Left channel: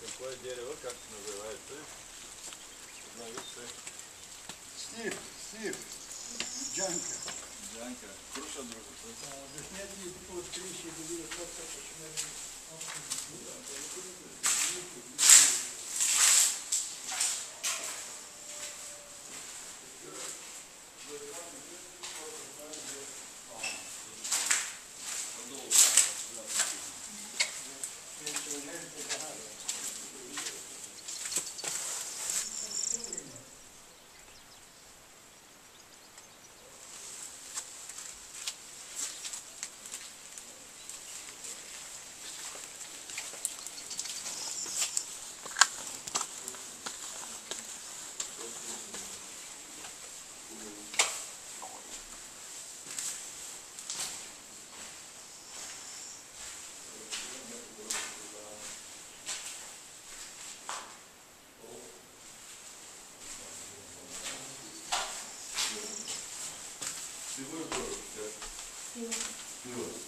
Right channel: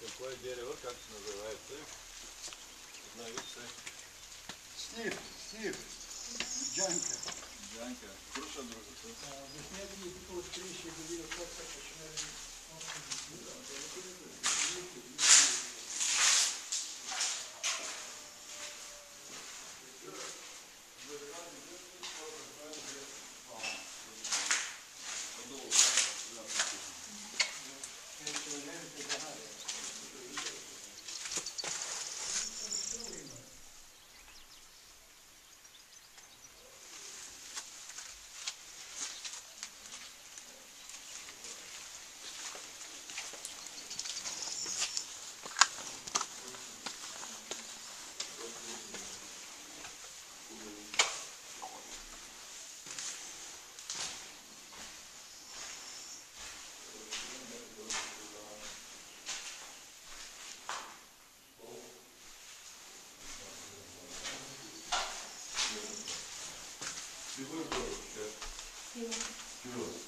Какво е дерево, как се называется? Снив, джанка. Джанка. Круша другото. Обяснете ми тук от 30 години как починали.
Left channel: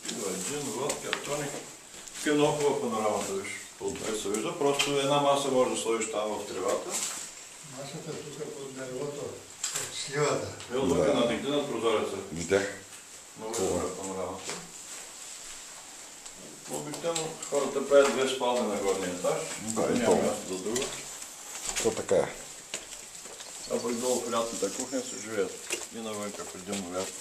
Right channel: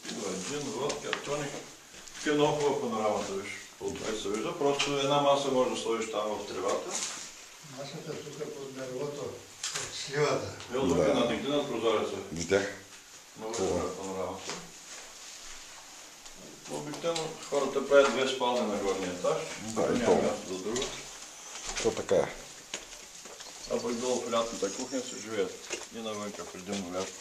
Пиво, джин, водка, тоник. Тук е много хубава панорамата, виж. Отвън се вижда. Просто една маса може да сложиш там в тревата. Масата тук под дървото, от сливата. Ел тук е надигни над прозореца. Видях. Много е добра панорамата. Обикновено хората правят две спални на горния етаж. Да, и няма то. място за друго. То така е. А пък долу в лятната кухня се живеят. И навънка в един лято.